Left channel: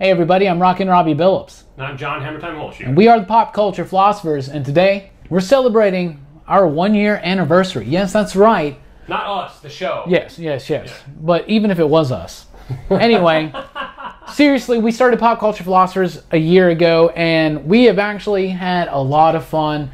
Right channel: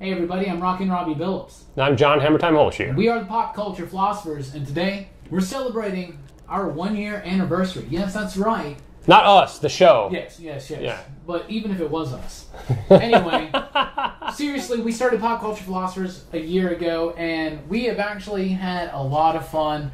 Hey everybody, I'm Rockin Robbie Billups. And I'm John Hammertime Holshoe. And we are the Pop Culture Philosophers, and today we're celebrating our 1-year anniversary. Yes, that's right. Not us, the show. Yes. Yeah. But even if it was us. Anyway, seriously, we started Pop Culture Philosophers a year ago, and we have actually had a lot of fun.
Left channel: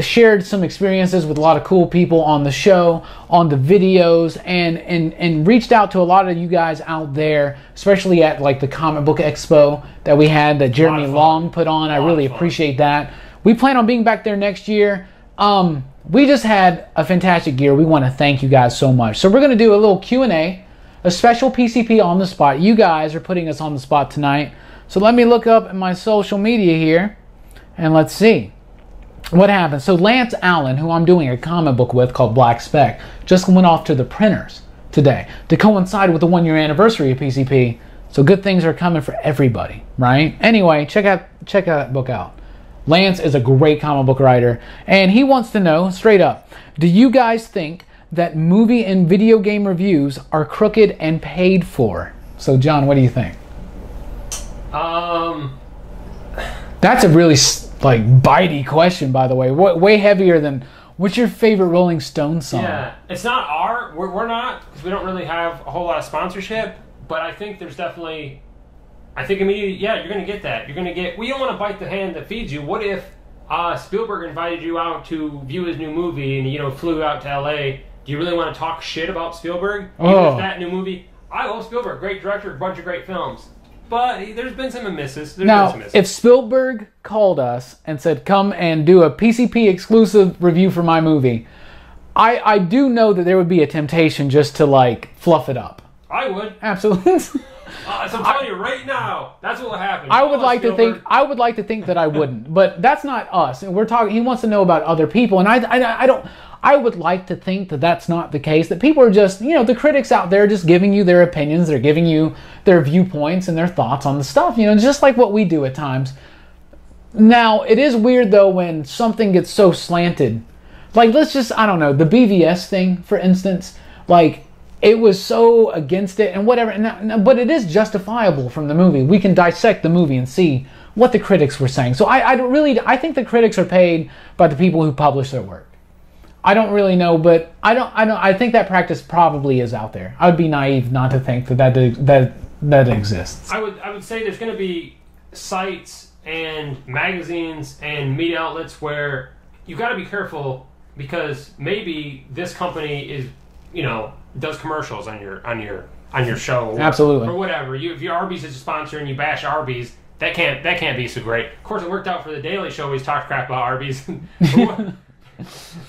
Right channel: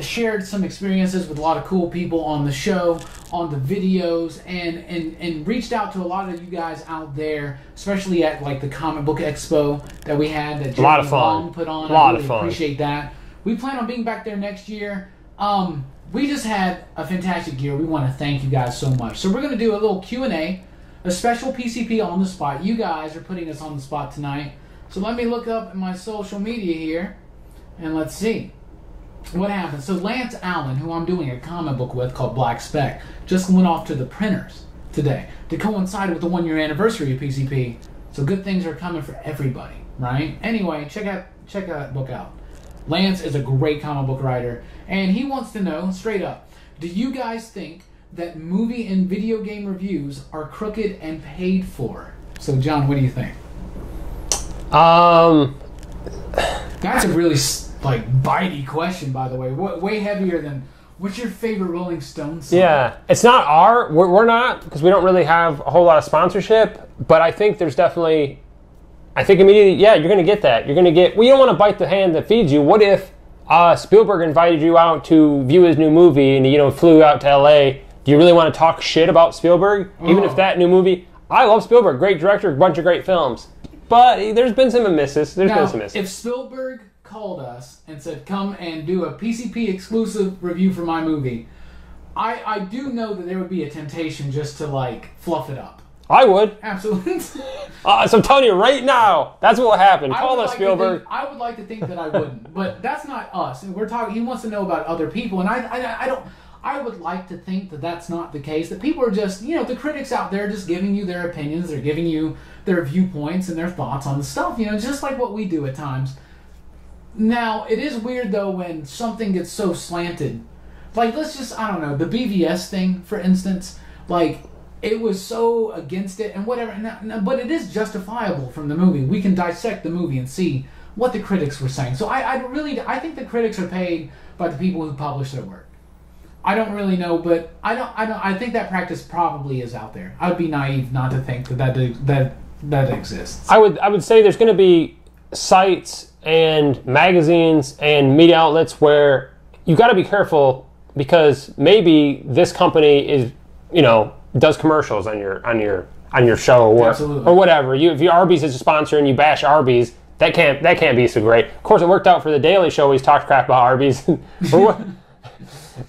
Shared some experiences with a lot of cool people on the show, on the videos, and reached out to a lot of you guys out there, especially at like the comic book expo that we had that Jeremy Long put on. I really appreciate that. We plan on being back there next year. We just had a fantastic year. We want to thank you guys so much. So we're going to do a little Q&A, a special PCP on the spot. You guys are putting us on the spot tonight. So let me look up in my social media here, and let's see what happened. So Lance Allen, who I'm doing a comic book with called Black Spec, just went off to the printers today to coincide with the 1-year anniversary of PCP. So good things are coming for everybody, right? Anyway, check that book out. Lance is a great comic book writer, and he wants to know, straight up, do you guys think that movie and video game reviews are crooked and paid for? So John, what do you think? That's a really bitey question, by the way. Way heavier than what's your favorite Rolling Stones song? Yeah, it's not we're not, because we don't really have a whole lot of sponsorship, but I think there's definitely, immediately, yeah, you're going to get that. You're going to get, well, you don't want to bite the hand that feeds you. What if Spielberg invited you out to view his new movie and, flew out to LA? Do you really want to talk shit about Spielberg? Even if that new movie, I love Spielberg, great director, a bunch of great films. But there's been some misses. If Spielberg called us and said, come and do a PCP exclusive review for my movie, I do know that there would be a temptation just to, fluff it up. I would. Absolutely. So I'm telling you right now, that's what will happen. I would like to think that I wouldn't, but that's not us. We're talking. He wants to know about other people, and I don't. I would like to think that that's not the case. That people are just, the critics out there, just giving you their opinions. They're giving you their viewpoints and their thoughts on the stuff. Just like what we do at times. Now, it is weird though when something gets so slanted. Let's just, I don't know, the BVS thing, for instance. It was so against it and whatever, but it is justifiable from the movie. We can dissect the movie and see what the critics were saying. So I think the critics are paid by the people who publish their work. I don't really know, but I think that practice probably is out there. I would be naive not to think that exists. I would say there's going to be sites and magazines and media outlets where you got to be careful, because maybe this company is, does commercials on your show, or whatever. If your Arby's is a sponsor and you bash Arby's, that can't be so great. Of course, it worked out for the Daily Show. He's talked crap about Arby's, so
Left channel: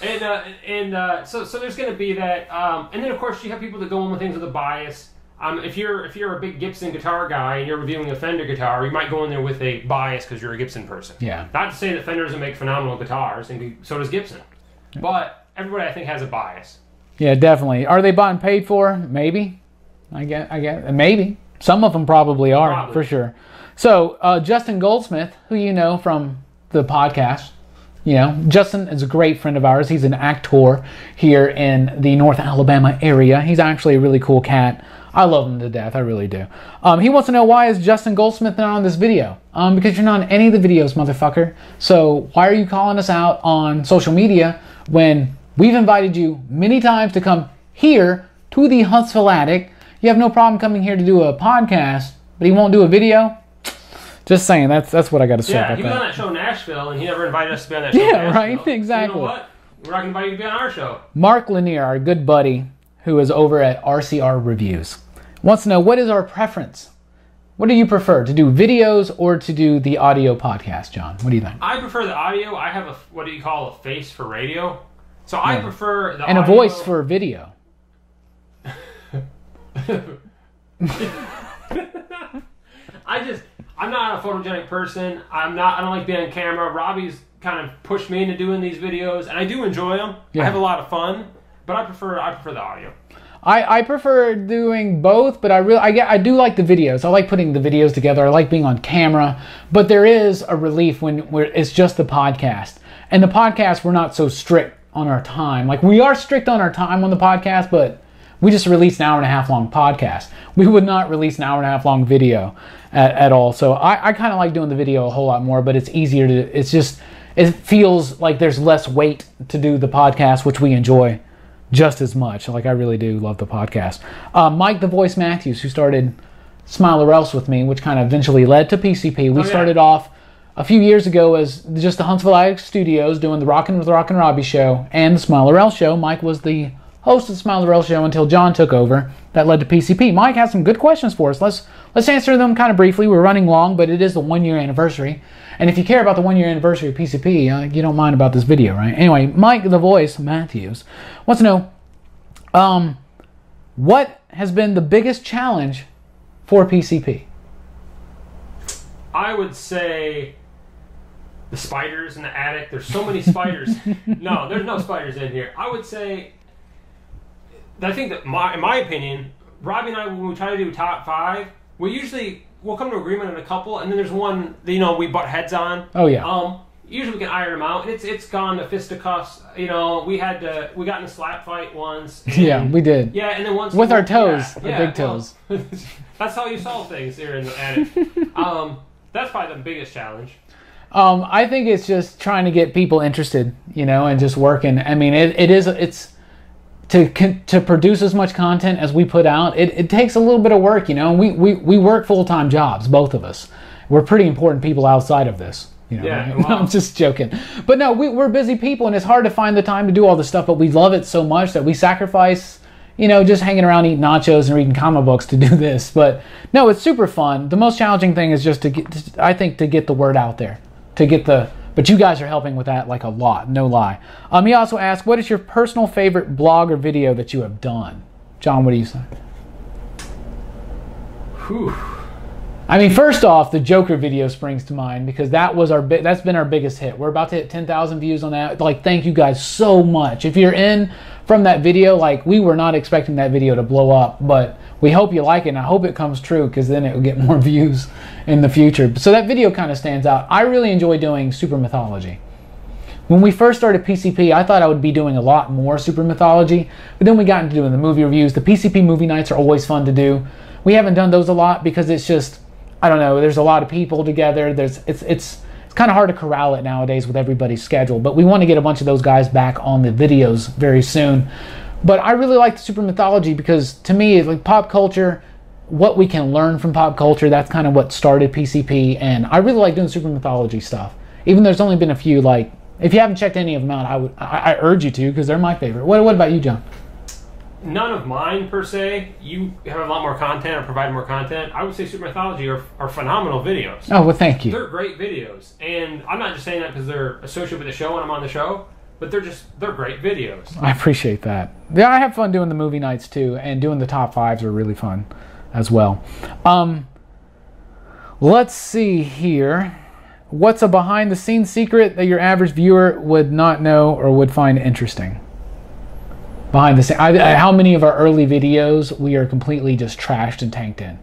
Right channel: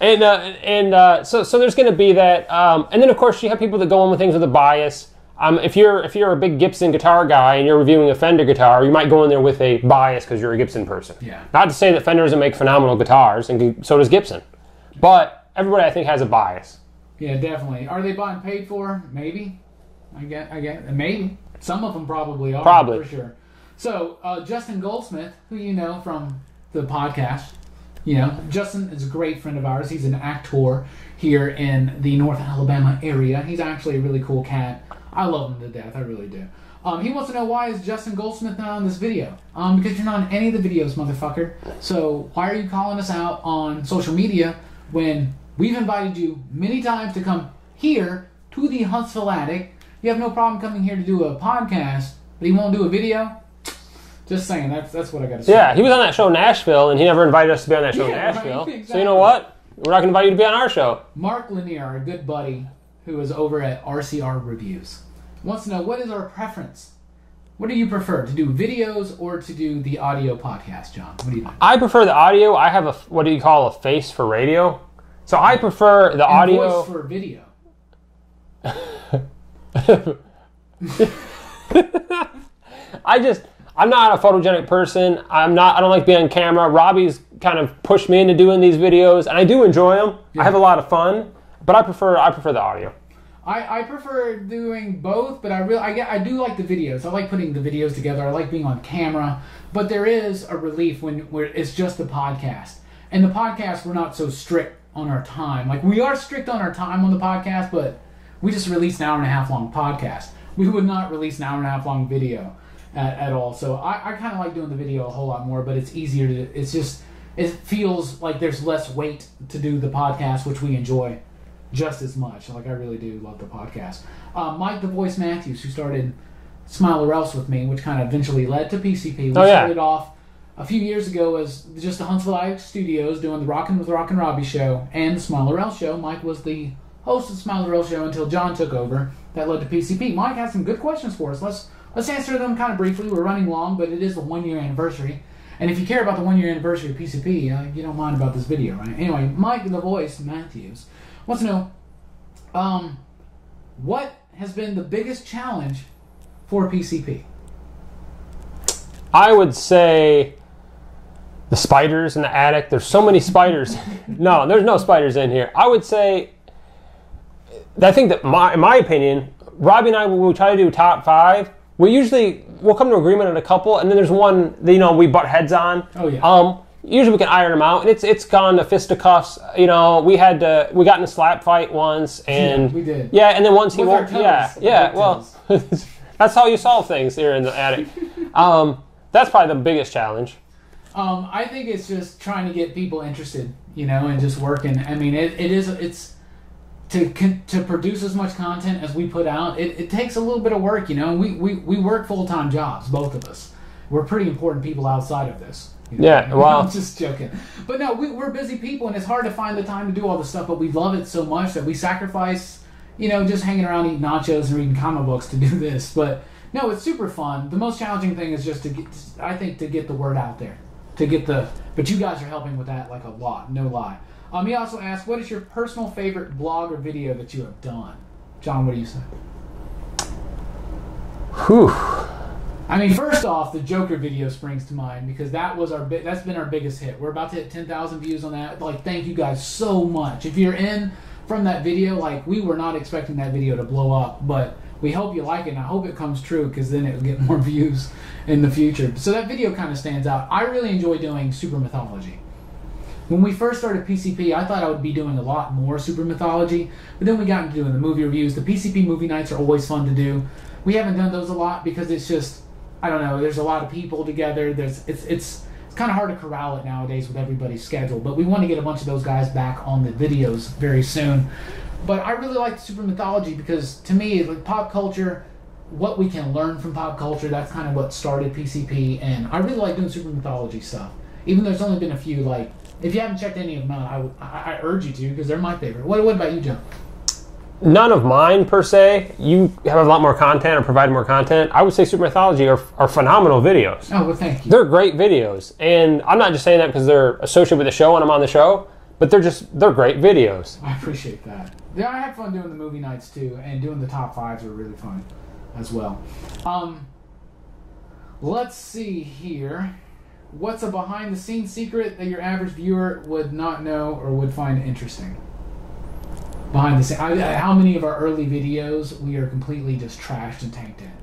there's going to be that. And then of course you have people that go on with things with a bias. If you're a big Gibson guitar guy and you're reviewing a Fender guitar, you might go in there with a bias because you're a Gibson person. Yeah. Not to say that Fender doesn't make phenomenal guitars, and so does Gibson, but everybody I think has a bias. Yeah, definitely. Are they bought and paid for? Maybe. I guess. Maybe. Some of them probably are. For sure. So, Justin Goldsmith, who you know from the podcast, Justin is a great friend of ours. He's an actor here in the North Alabama area. He's actually a really cool cat. I love him to death. I really do. He wants to know, why is Justin Goldsmith not on this video? Because you're not on any of the videos, motherfucker. So, why are you calling us out on social media when we've invited you many times to come here to the Huntsville Attic? You have no problem coming here to do a podcast, but he won't do a video? Just saying, that's what I got to say. Yeah, he was on that show Nashville, and he never invited us to be on that show Nashville. Yeah, right, exactly. So you know what? We're not going to invite you to be on our show. Mark Lanier, our good buddy, who is over at RCR Reviews, wants to know, what is our preference? What do you prefer, to do videos or to do the audio podcast, John? What do you think? I prefer the audio. I have what do you call a face for radio? So I prefer the audio. And a voice for video. I'm not a photogenic person. I don't like being on camera. Robbie's kind of pushed me into doing these videos, and I do enjoy them. Yeah. I have a lot of fun, but I prefer the audio. I prefer doing both, but I do like the videos. I like putting the videos together. I like being on camera, but there is a relief when it's just the podcast. And the podcast, we're not so strict on our time. We are strict on our time on the podcast, but we just release an hour and a half long podcast. We would not release an hour and a half long video. at all. So I kind of like doing the video a whole lot more, but it's easier to, it feels like there's less weight to do the podcast, which we enjoy just as much. Like, I really do love the podcast. Mike the Voice Matthews, who started Smile or Else with me, which kind of eventually led to PCP. We started off a few years ago as just the Huntsville Attic Studios doing the Rockin with Rockin' Robbie show and the Smile or Else show. Mike was the host of the Smile or Else show until John took over. That led to PCP. Mike has some good questions for us. Let's answer them kind of briefly. We're running long, but it is the 1 year anniversary. And if you care about the 1 year anniversary of PCP, you don't mind about this video, right? Anyway, Mike the Voice Matthews wants to know, what has been the biggest challenge for PCP? I would say the spiders in the attic. There's so many spiders. No, there's no spiders in here. I would say, I think that in my opinion, Robbie and I, when we try to do top 5, we'll come to agreement on a couple, and then there's one that, we butt heads on. Oh yeah. Usually we can iron them out, and it's gone to fisticuffs. We got in a slap fight once. And, yeah, we did. Yeah, and then once with our toes. Yeah, big toes. That's how you solve things here in the attic. That's probably the biggest challenge. I think it's just trying to get people interested, and just working. I mean, it's to produce as much content as we put out. It takes a little bit of work, We work full-time jobs, both of us. We're pretty important people outside of this. Yeah, well, I'm just joking. But no, we're busy people, and it's hard to find the time to do all this stuff, but we love it so much that we sacrifice, just hanging around eating nachos and reading comic books to do this. But no, it's super fun. The most challenging thing is just to get the word out there. But you guys are helping with that like a lot, no lie. He also asked, what is your personal favorite blog or video that you have done? John, what do you say? Whew. I mean, first off, the Joker video springs to mind because that's been our biggest hit. We're about to hit 10,000 views on that. Thank you guys so much. If you're in from that video, we were not expecting that video to blow up, but we hope you like it, and I hope it comes true because then it will get more views in the future. So that video kind of stands out. I really enjoy doing super mythology. When we first started PCP, I thought I would be doing a lot more super mythology, but then we got into doing the movie reviews. The PCP movie nights are always fun to do. We haven't done those a lot because it's just, I don't know, there's a lot of people together. It's kind of hard to corral it nowadays with everybody's schedule, but we want to get a bunch of those guys back on the videos very soon. But I really like the super mythology because to me, it's like pop culture, what we can learn from pop culture, that's kind of what started PCP, and I really like doing super mythology stuff. Even though there's only been a few, if you haven't checked any of them out, I urge you to because they're my favorite. What about you, John? None of mine, per se. You have a lot more content or provide more content. I would say super mythology are phenomenal videos. Oh, well, thank you. They're great videos. And I'm not just saying that because they're associated with the show and I'm on the show, but they're great videos. I appreciate that. Yeah, I have fun doing the movie nights too, and doing the top 5s are really fun as well. Let's see here. What's a behind-the-scenes secret that your average viewer would not know or would find interesting? Behind the scenes, how many of our early videos we are completely just trashed and tanked in?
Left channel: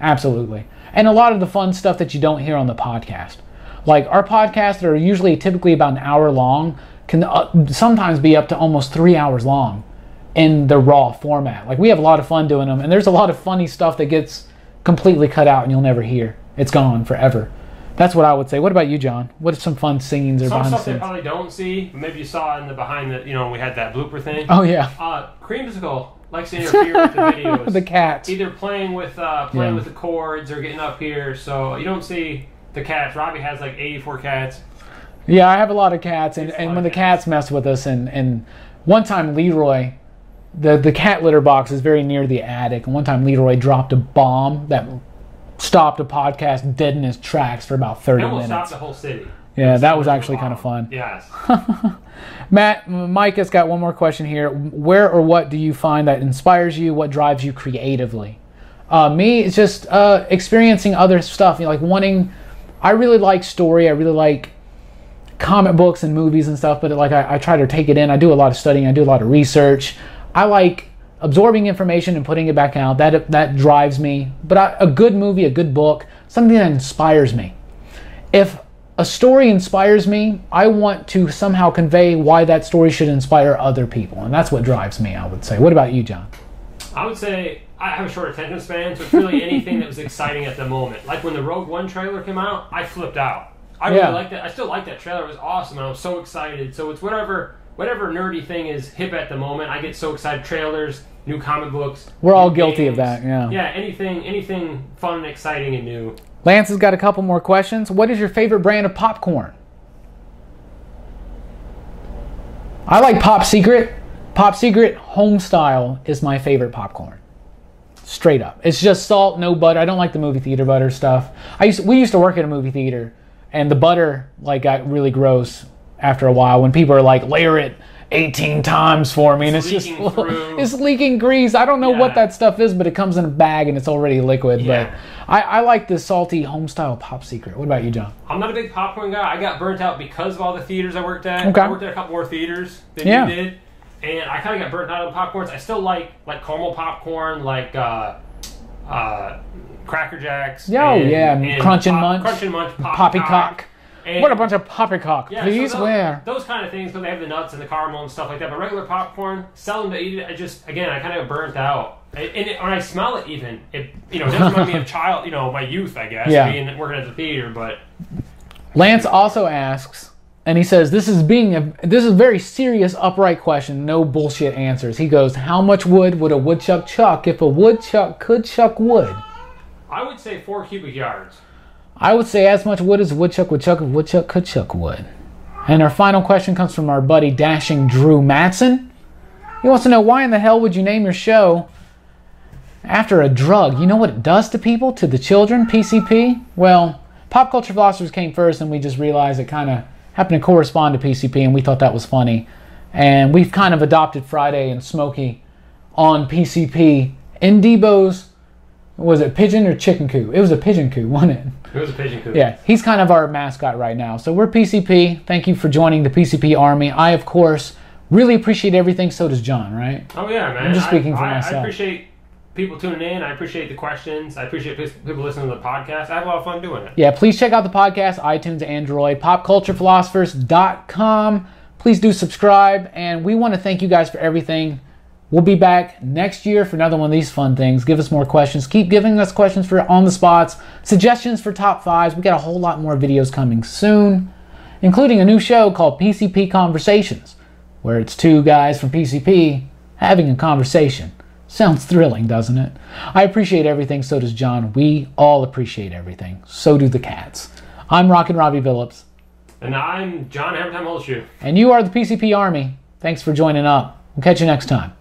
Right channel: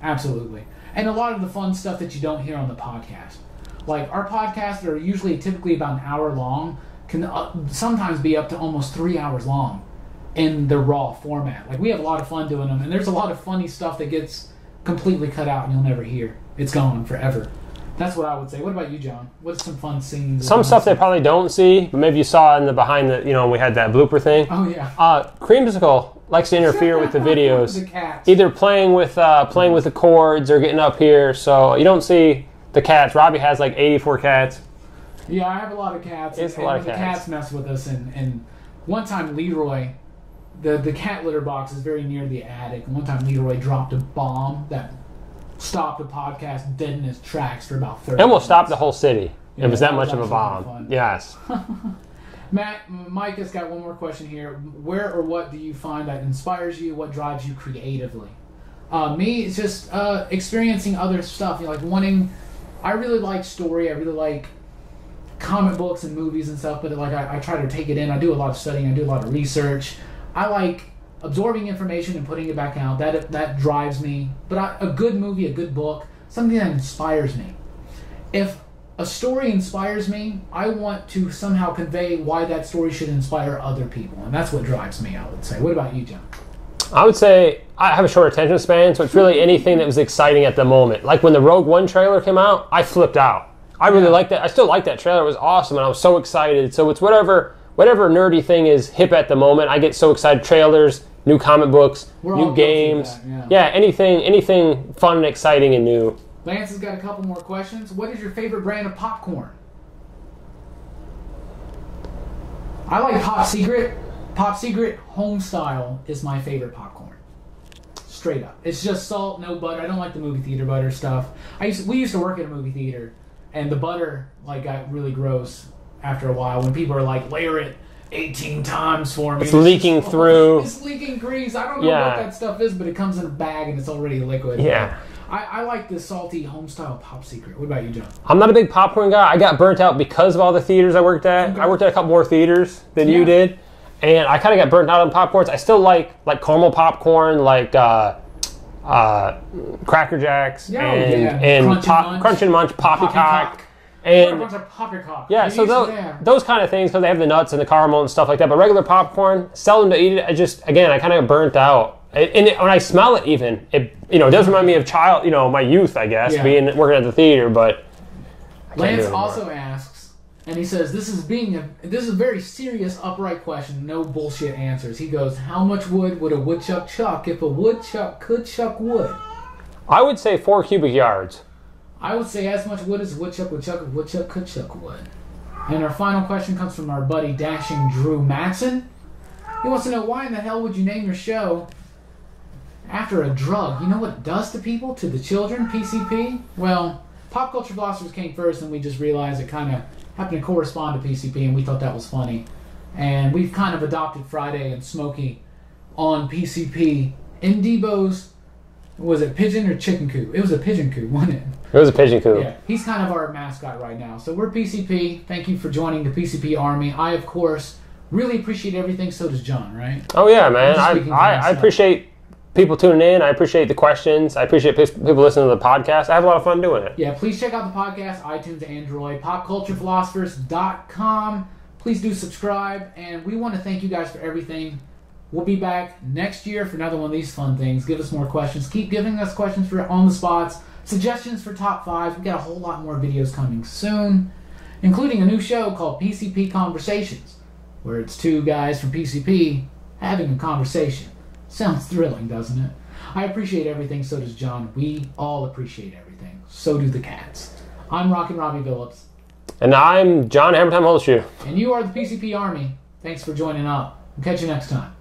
Absolutely. And a lot of the fun stuff that you don't hear on the podcast. Like our podcasts are usually typically about an hour long, can sometimes be up to almost 3 hours long in the raw format. We have a lot of fun doing them, and there's a lot of funny stuff that gets completely cut out and you'll never hear. It's gone forever. That's what I would say. What about you, John? What are some fun scenes? Or some stuff they probably don't see, but maybe you saw in the behind the, we had that blooper thing. Oh yeah. Creamsicle likes to interfere with the videos. The cats. Either playing with the cords or getting up here, so you don't see the cats. Robbie has 84 cats. Yeah, I have a lot of cats, and when the cats mess with us, and one time Leroy, the cat litter box is very near the attic, and one time Leroy dropped a bomb that stopped a podcast dead in his tracks for about 30 minutes. And we'll stop the whole city. Yeah, that was actually kind of fun. Yes. Mike has got one more question here. Where or what do you find that inspires you? What drives you creatively? Me, it's just experiencing other stuff. I really like story. I really like comic books and movies and stuff, but I try to take it in. I do a lot of studying. I do a lot of research. I like absorbing information and putting it back out. That drives me. But a good movie, a good book, something that inspires me. If a story inspires me, I want to somehow convey why that story should inspire other people. And that's what drives me, I would say. What about you, John? I would say I have a short attention span, so it's really anything that was exciting at the moment. Like when the Rogue One trailer came out, I flipped out. I really liked that. I still like that trailer. It was awesome, and I was so excited. So it's whatever nerdy thing is hip at the moment. I get so excited. Trailers, new comic books. We're all games. guilty of that. Yeah. Yeah. Anything fun and exciting and new. Lance has got a couple more questions. What is your favorite brand of popcorn? I like Pop Secret. Pop Secret Home Style is my favorite popcorn. Straight up. It's just salt, no butter. I don't like the movie theater butter stuff. We used to work at a movie theater, and the butter like got really gross after a while when people are like, layer it 18 times for me. It's leaking through. It's leaking grease. I don't know what that stuff is, but it comes in a bag and it's already liquid. Yeah. I like the salty home style Pop Secret. What about you, John? I'm not a big popcorn guy. I got burnt out because of all the theaters I worked at. Okay. I worked at a couple more theaters than you did. And I kind of got burnt out on popcorns. I still like caramel popcorn, like Cracker Jacks. And Crunch and Munch, Poppycock. What a bunch of poppycock. Yeah, please, so those kind of things, because they have the nuts and the caramel and stuff like that. But regular popcorn, seldom to eat it. I kind of got burnt out. And when I smell it, even it does remind me of my youth, I guess, working at the theater. But Lance also asks, and he says, this is a very serious, upright question, no bullshit answers. He goes, how much wood would a woodchuck chuck if a woodchuck could chuck wood? I would say 4 cubic yards. I would say as much wood as a woodchuck would chuck if a woodchuck could chuck wood. And our final question comes from our buddy Dashing Drew Matson. He wants to know, why in the hell would you name your show after a drug? You know what it does to people, to the children, PCP? Well, Pop Culture Philosophers came first, and we just realized it kind of happened to correspond to PCP, and we thought that was funny. And we've kind of adopted Friday and Smokey on PCP in Debo's, was it pigeon or chicken coop? It was a pigeon coop, wasn't it? It was a pigeon coop. Yeah, he's kind of our mascot right now. So we're PCP. Thank you for joining the PCP Army. I, of course, really appreciate everything. So does John, right? Oh, yeah, man. I appreciate people tuning in. I appreciate the questions. I appreciate people listening to the podcast. I have a lot of fun doing it. Yeah, please check out the podcast, iTunes, Android, popculturephilosophers.com. Please do subscribe, and we want to thank you guys for everything. We'll be back next year for another one of these fun things. Give us more questions. Keep giving us questions for on the spots, suggestions for top 5s. We got a whole lot more videos coming soon, including a new show called PCP Conversations, where it's 2 guys from PCP having a conversation. Sounds thrilling, doesn't it? I appreciate everything, so does John. We all appreciate everything. So do the cats. I'm Rockin' Robbie Billups. And I'm John Hammertime Holshoe. And you are the PCP Army. Thanks for joining up. We'll catch you next time.